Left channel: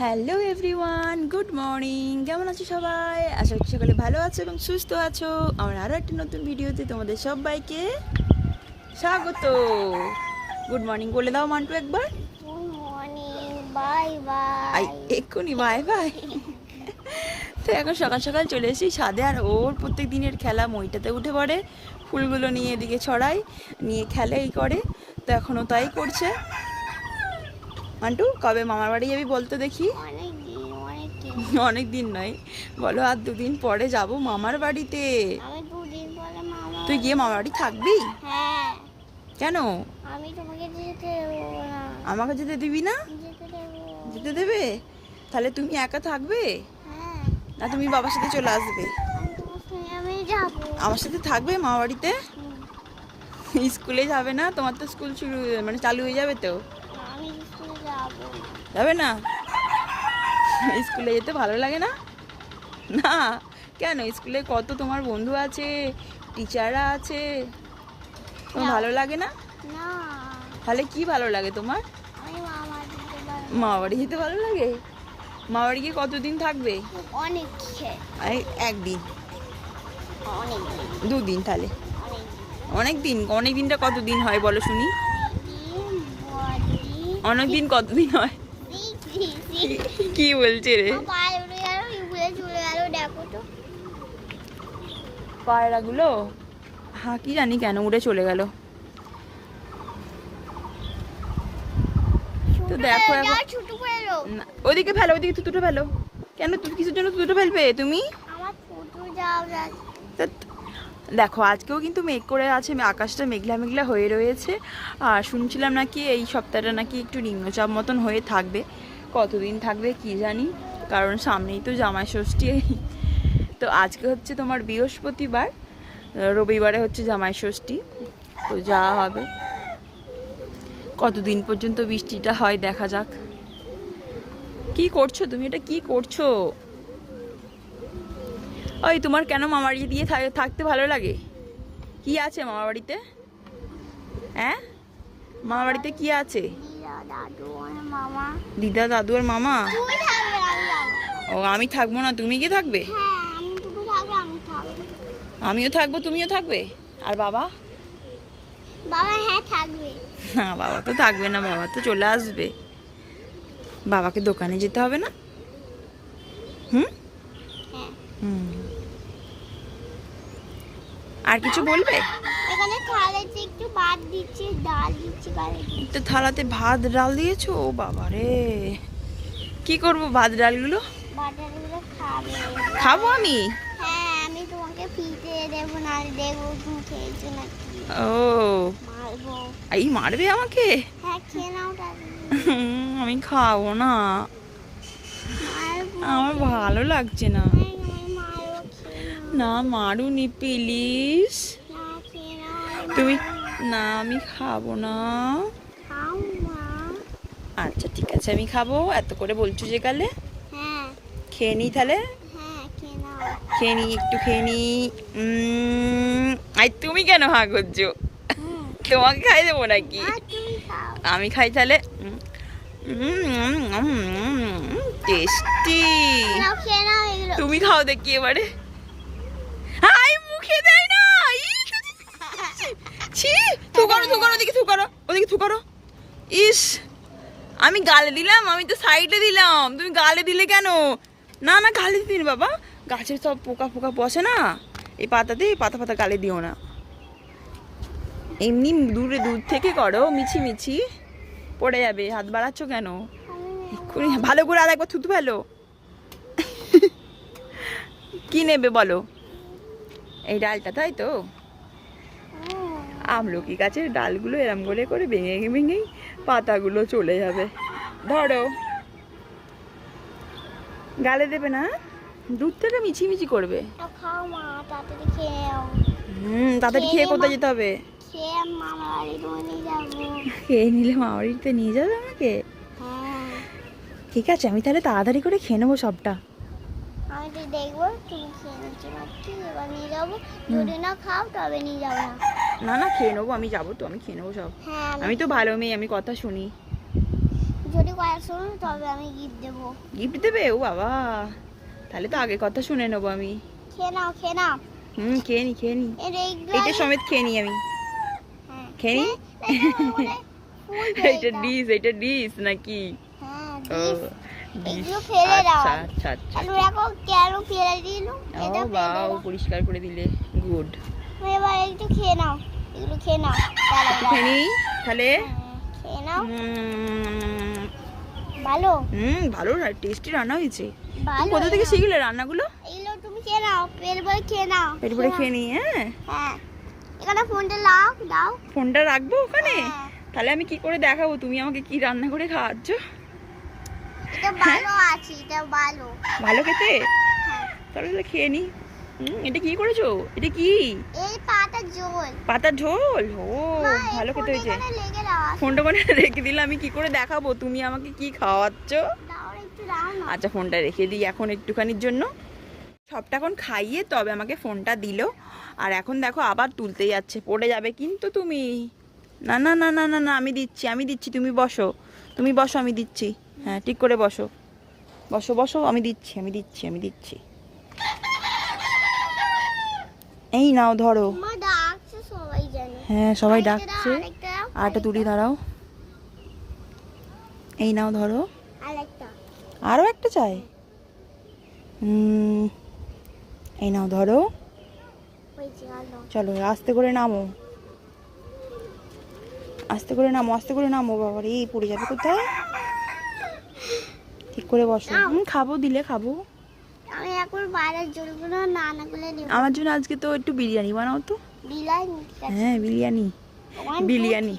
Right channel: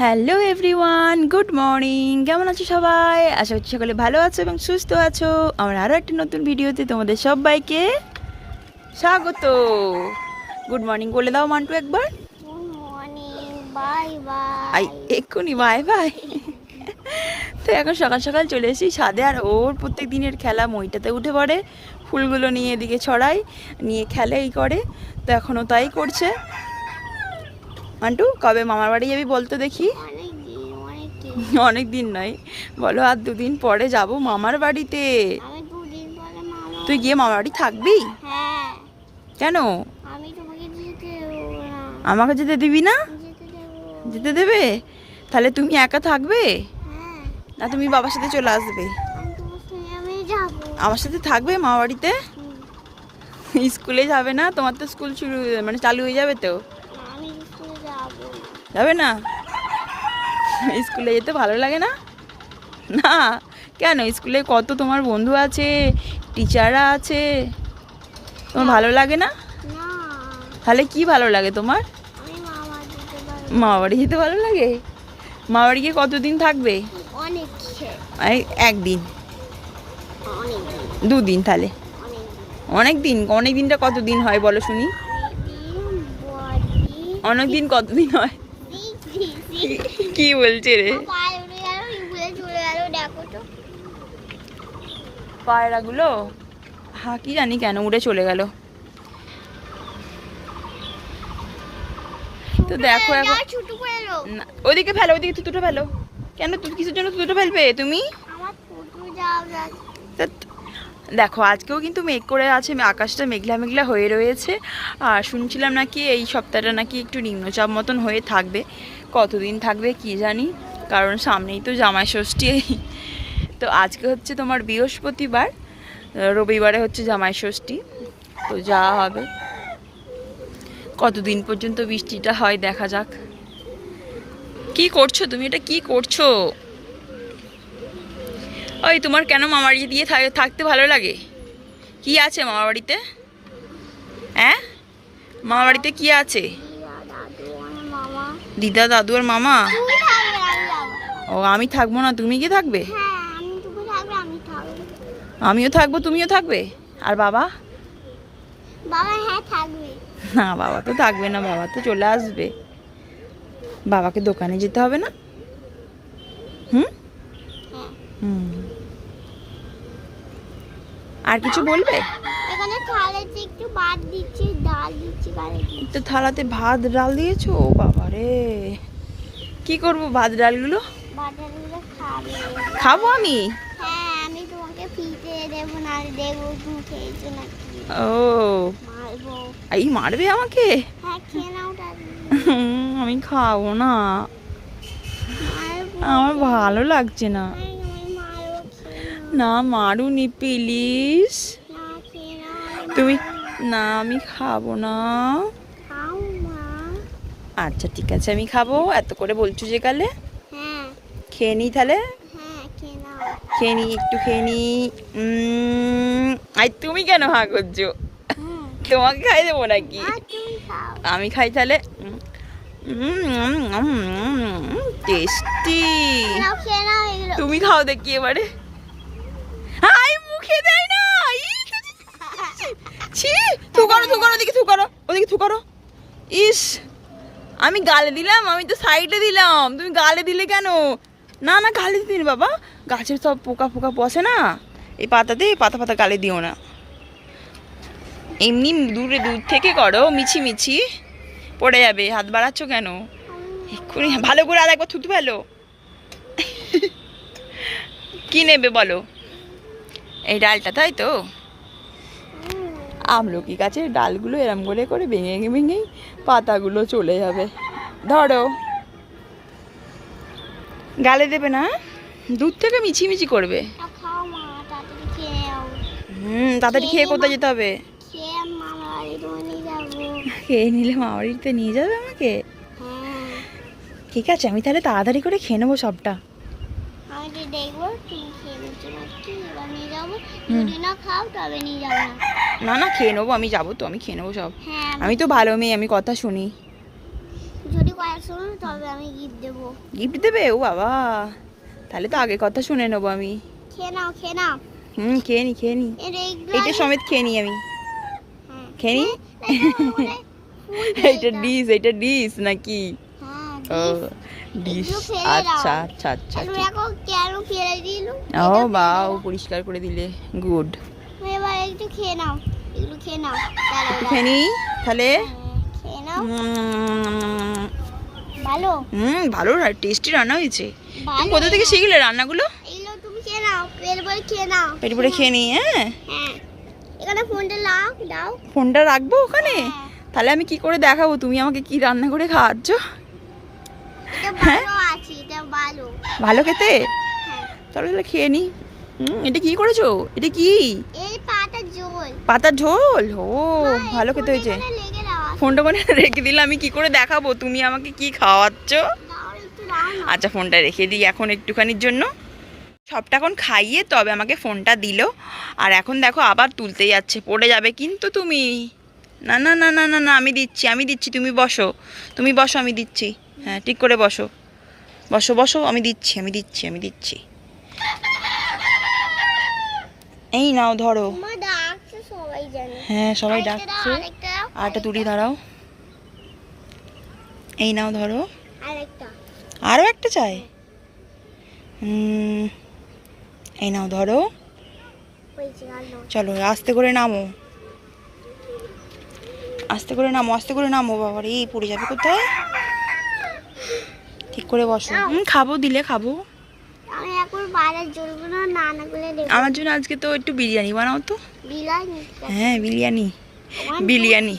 Hello everyone, good morning. কেমন আছো সবাই? আশা করছি সকলে ভালো আছো এবং সুস্থ আছো। আমার আরও একটা নতুন ভিডিওতে তোমাদের সবাইকে স্বাগত। গুড মর্নিং বলে দাও মান্টু একবার। এক্ষুনি, বাই বাই। তো এখন সকাল সকাল চলে এসেছি সাদে আর ওর প্রত্যেক দিনের খেলা মইটাতে উঠে পড়ে। ফুলগুলো নিয়ে এদিকে ছড়াই নিয়ে খেলে এই করে। তো এখনও তাই করছে। মান্টু কবে মামার বাড়ি যাবি বলতো দেখি। অনেক দিন নয়। বলো আর দুদিন পরে যাব মামার বাড়িতে। তুই গিয়ে মামার বাড়ি থাকবি? হ্যাঁ। কেন? আমাকে যেতে দিবি না? যেতে দেবে। তাহলে তুমি একা থাকবে? হ্যাঁ। না তুমি বাবার সাথে চলে আসবে। আমার সাথে থাকবে মামা বাড়িতে। স্কুলে যাবে না? তোমার তো স্কুল শুরু মানে চালু হয়ে যাবে তো? যাব না? স্কুলে যেতে ভালো লাগে না? না কেন? স্কুলে কত তোমার বন্ধু আছে টিচাররা আছে? তোমার ভালো লাগে না? তাহলে কি ভালো লাগে তোমার? যেতে বাড়ি যেতে ভালো লাগে? মামা বাড়ি গিয়ে কতদিন থাকবে? অনেক একদিন। দুদিন তাহলে। অনেক দিন। অনেক দিনটা কত দিন হয় বলো শুনি। বড়দিন অনেক দিন কতদিন হয়? কি বলছে রে? পায়রাগুলো? হ্যাঁ কি জানি কেন উড়ে চলে গেল। তো দেখো এখন ওদিকে ফেলো ওদিকে থুতুটো ফেলো। কেন? তুমি কিসের জন্য থুতুটো ফেলবে তুমি? দেখো, আজকেও কিন্তু মেঘ করে আছে আকাশটা মেঘলা মেঘলা হয়ে রয়েছে। আর শুনছিলাম নাকি এই সপ্তাহটা নাকি একটু নিম্নচাপ মতন হয়ে থাকবে। কতদিন থাকবে কি জানি, কারণ সামনেই তো জামাই ষষ্ঠী তো আজকে হচ্ছে তোমার বৃহস্পতিবার, রবিবারে হচ্ছে জামাই ষষ্ঠী তো যা হবে। কতদিন পর্যন্ত বৃষ্টিটা হয় দেখা যাক। কি করছ তুমি? এটা কি করছ? ওই তোমার কেন মামার বাড়ি দিয়ে থাকতে ভালো লাগে? কি আছে মামার বাড়িতে? হ্যাঁ? মামার বাড়িতে কি আছে? দিদা দাদু মামা দিদা দাদু আর মামা? ও আমি থাকব না তুমি কি থাকব? আমিও থাকব তুমিও থাকবে? আর বাবা? বাবা হ্যাঁ থাকবে না বাবা তো থাকবে না বাবা তো চলে আসবে। বাবাকে দোকানে যেতে হবে না? হুম? হ্যাঁ। হুম। আর কিছু বলবে? এখানে থালাতে একটু ভাত দিচ্ছি ডাল দিচ্ছি তো থালাতে ভাত ডাল দিয়েছ? ও বাবা রে। কি করব ভাত ডালগুলো? বাটারগুলো খাবে। খাব আমি? হ্যাঁ আমি তোমাকে ফিতে দেবো না দেখব তুমি খেয়েছো নাকি? ও। মারবো। এই মারবে আমাকে? হ্যাঁ খেয়ে নাও আমি খাব না। আমার ভালো লাগছে না। না মারুনি প্লিজ তুমি না আমি খাব না আচ্ছা ঠিক আছে আমি খাব এত করে বলছো যে কালে হ্যাঁ খেয়ে নিই তাহলে হ্যাঁ খেয়ে নিই একটু খেয়ে নিই আই তুমি কেন হা করছ তোমাকে খাই দেবো নাকি আর আমি খাই তাহলে টেস্টি তুমি খাও দেখি এবারে মুখে দেয় না। ছি থু করো থু করো ওদিকে থু করো ওদিকে থু করো। ইস আমি গালে দিলাম আমি তো সাইডে দিলাম। তুমি গালে দিলে কেন? না না গালে দিন বাবা। গাছের সব পোকা ফোকা বসে না। এই পাতাতে পাতা পাতা গালে দিও না। এমনি দূরে দূর থেকে করো মিছি মিছি। পড়ে যাবে হাত বাড়াচ্ছ কেন? এক্ষুনি ভালো করে আর একবার থুতু ভালো কি নেবে বলো? এই ডালটা তাই তো? আমলকি গাছের ডালগুলো এরম করে করে ভেঙে ভেঙেই পাতাগুলো চলে যাবে। ধরো। গালে দেবে না? দুধ থেকে মিছিমিছি করবে। হুম তাড়াতাড়ি খেয়ে কোথায় যেতে হবে? খেয়ে নিলে মামারিতে নিয়ে যাবে আমাকে? হ্যাঁ। ঠিক আছে আমি তাহলে তাড়াতাড়ি করে খেয়ে নেব সবটা। আমি দেখব তুমি খেয়ে নিচ্ছি নাকি এবার নিয়ে যাব? যদি না খাও তবে নিয়ে যাব না। না না খেয়ে নেব আমি যাব তো আমি খেয়ে নেব সব। হ্যাঁ আমি তো ভালো মেয়ে আমি কথা শুনি। যদি কয়েকশো তবে আমি গিফট দেবো। গিফট দেবে? ও বাবা তাহলে তো আগে কথা শুনে নেব আমি। খেয়ে নাও খেয়ে নাও। হুম খেয়ে নি খেয়ে নি। এটা সমেত খেয়ে নি আমি। হ্যাঁ। খেয়ে নি? ফুল এইটা ডিশ এইটা ডিশ নাকি? হ্যাঁ আচ্ছা আচ্ছা আচ্ছা আর ও পরিষ্কার করে দিলে। গুড। এবার একটু খেয়ে নাও। এগুলো খেয়ে নাও। তাহলে। হ্যাঁ, খেয়ে নাও। ভালো? হুম ভালো টেস্টি রান্না হয়েছে। কোথা থেকে শিখলে রান্নাগুলো? এগুলো তুমি খেয়ে নাও। পেট ভরে খেয়ে নাও। পেট ভরে খেয়ে নি হ্যাঁ? হ্যাঁ। এখানে ফোনটা লাও দাও। ফোনটা রাখব ওখানে? হ্যাঁ। তাহলে আমি কি করে দেখাবো? তুমি আমাকে কি রান্না করে খাওয়াচ্ছ? ভালো আছে এটা ভালো। ভালো খেতে? হ্যাঁ। তাহলে খেয়ে নি। এটা কি করেছ? এটা কি? পাতার ঝোল। ও হ্যাঁ, ভালো খেতে হয়েছে। ফোনটা মানে রেখে দিলে আমি কি করে দেখাবো? তুমি আমাকে কি খাওয়াচ্ছ? আচ্ছা ফোনটা রেখে দিই এখন একটুখানির জন্য। সবটা এখন খাইয়ে তবে আমাকে ফোনটা দিল। আর এখন দেখো আবার তুলতে যাচ্ছে। পড়ে যাবে কিন্তু তুমি। না না না না না না আমি দিচ্ছি আমি দিচ্ছি তুমি বসো। তুমি বসো আমি দিচ্ছি। হ্যাঁ ঠিক করে বসো। বসো বসো আমি দিচ্ছি আমি দিচ্ছি আমি দিচ্ছি। এই নাও ধরো। হ্যাঁ সবাই ডাকছে। আরেকটা আর একটা তুলি দাঁড়াও। এই নাও ধরো। আরও একটা চাই? এই নাও ধরো। চলো আস্তে করে নামো। আস্তে করে নামো আস্তে করে নামো বাবার এই পড়ে যাবে কোথায়? ঠিক করে বসো। হুম খাব দিলে খাব। আমি এখন বাইরের জলগুলো নানাগুলো দেবো। আমার জন্য আজকে তো একটু বিরিয়ানি বানাও তো। হ্যাঁ বিরিয়ানি। বিরিয়ানি।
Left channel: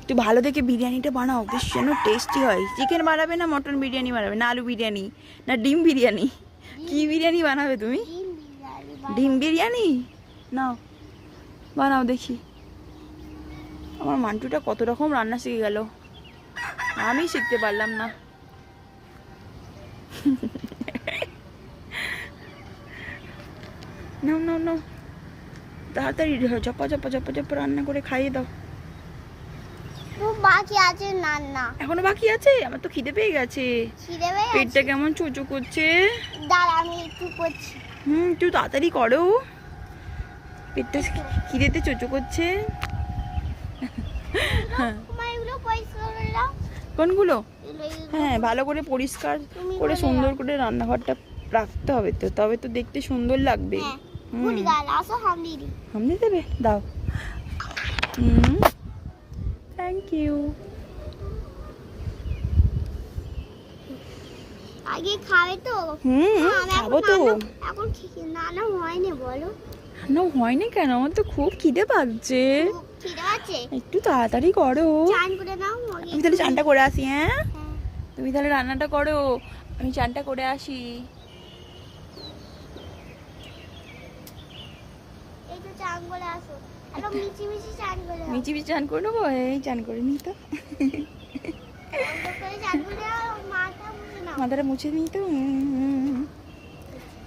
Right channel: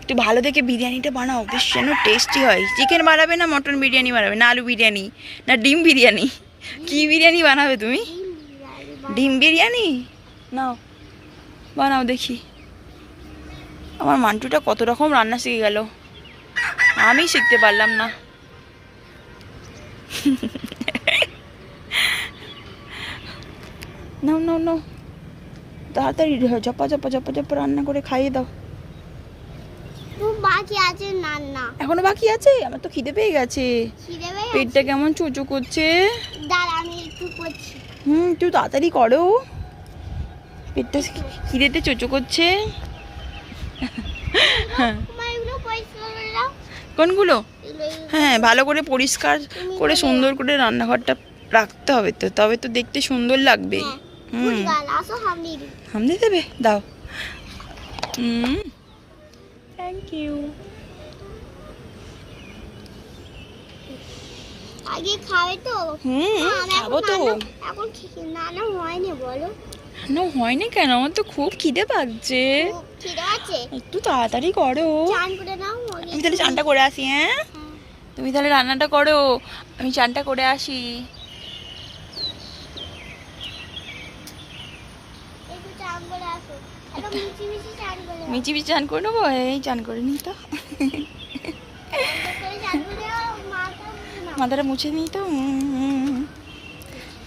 একটু ভালো দেখে বিরিয়ানিটা বানাও বেশ যেন টেস্টি হয়। চিকেন বানাবে না মটন বিরিয়ানি বানাবে? না আলু বিরিয়ানি না ডিম বিরিয়ানি? কি বিরিয়ানি বানাবে তুমি? ডিম বিরিয়ানি? নাও বানাও দেখি। আমার মান্টুটা কত রকম রান্না শিখে গেল। আমি শিখতে পারলাম না। নাও নাও নাও। তাড়াতাড়ি চপা চপা চপা চপা রান্না করে খাইয়ে দাও। তো বাকি আছে রান্না। এখনও বাকি আছে? আমার তো খিদে পেয়ে গেছে। খিদে পেয়ে পেটটা কেমন চোচো করছে? দাঁড়া আমি একটু করছি। হুম একটু তাড়াতাড়ি করো। পেটটা খিদেতে চোচো করছে। হ্যাঁ তোমার এগুলো পরিষ্কার করে দাও কোনগুলো হ্যাঁ ভালো করে পরিষ্কার করে সুন্দর করে রান্নাঘরটা রাখতে হবে তো তবে তো দেখতে সুন্দর লাগবে। হ্যাঁ হুম। ভুল আসো হামলি দিই হাম দিয়ে দেবে? দাও। হুম। থ্যাংক ইউ আগে খাবে তো? হুম না, না, খাব তো। এখন হয়নি বলো। না হয়নি কেন? আমার তো খুব খিদে পাচ্ছে। একটু তাড়াতাড়ি করো। চান করে নাও। আগে আমি তাহলে চানটা করে আসি হ্যাঁ। তুমি তাহলে রান্নাটা করো আমি চানটা করে আসি মিচি মিচি চান করে দাও। মিচি মিচি চান করে নেব এই চান করে নি তো। মাথাটা মুছে নিই তো।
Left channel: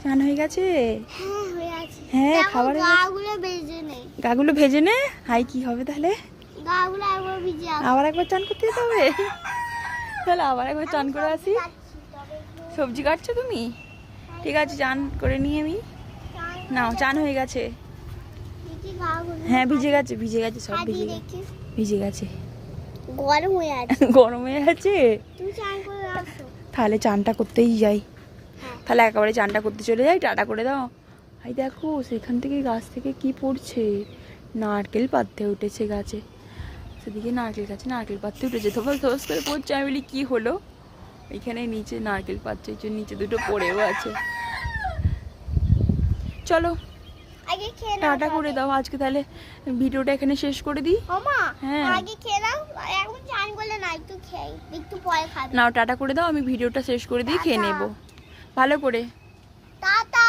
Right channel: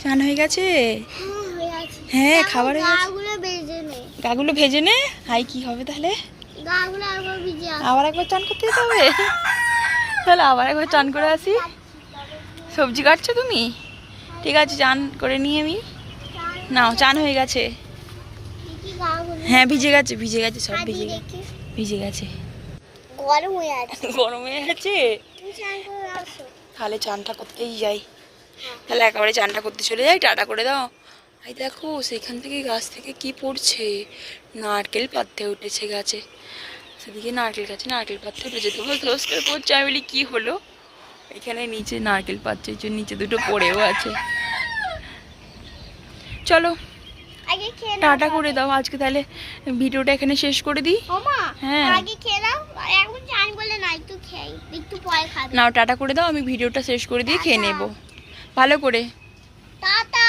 চান হয়ে গেছে হ্যাঁ, হয়ে। হ্যাঁ খাবার হয়ে গেছে গাগুলো গাগুলো ভেজে নে হাই কি হবে তাহলে আবার একবার চান করতে হবে? তাহলে আবার একবার চান করে আসি। সবজি কাটছো তুমি? ঠিক আছে চান করে নিয়ে আমি। নাও চান হয়ে গেছে। হ্যাঁ ভিজে গেছে ভিজে গেছে সব ভিজে গেছে ভিজে গেছে। গরম হয়ে আছে। গরম হয়ে আসো। তাহলে চানটা করতেই যাই। হ্যাঁ। তাহলে একেবারে চানটা করতে চলে যাই টাটা করে দাও। এই দেখো সেখান থেকে গাছ থেকে কি পড়ছে? নারকেল পাততে উঠেছে গাছে। সেদিকে নারকেল গাছে নারকেল পাততে উঠেছে। ধোস ধোস করে পড়ছে। আমি বলি কী হলো? এখানে নিচে নারকেল পাচ্ছে এই নিচে দুটো পড়েও আছে। চলো টাটা করে দাও। আজকে তাহলে ভিডিওটা এখানে শেষ করে দিই। হ্যাঁ। নাও। টাটা করে দাও। আমি ভিডিওটা শেষ করে দিয়ে খেয়ে নেব। ভালো করে। টাটা।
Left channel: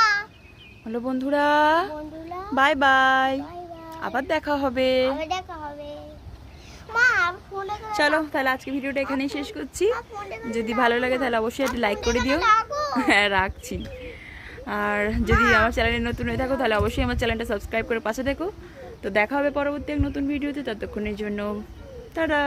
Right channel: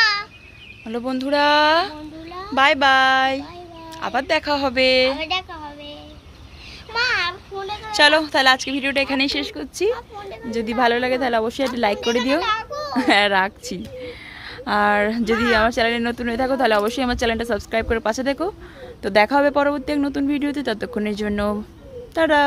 হ্যালো বন্ধুরা। Bye bye. আবার দেখা হবে। চলো তাহলে আজকে ভিডিওটা এখানেই শেষ করছি। যদি ভালো লাগে তাহলে অবশ্যই একটা লাইক করে দিও। হ্যাঁ রাখছি। আর যদি আমার চ্যানেলে নতুন হয়ে থাকো তাহলে অবশ্যই আমার চ্যানেলটা সাবস্ক্রাইব করে পাশে দেখো তো দেখা হবে পরবর্তী এক নতুন ভিডিওতে ততক্ষণের জন্য টাটা।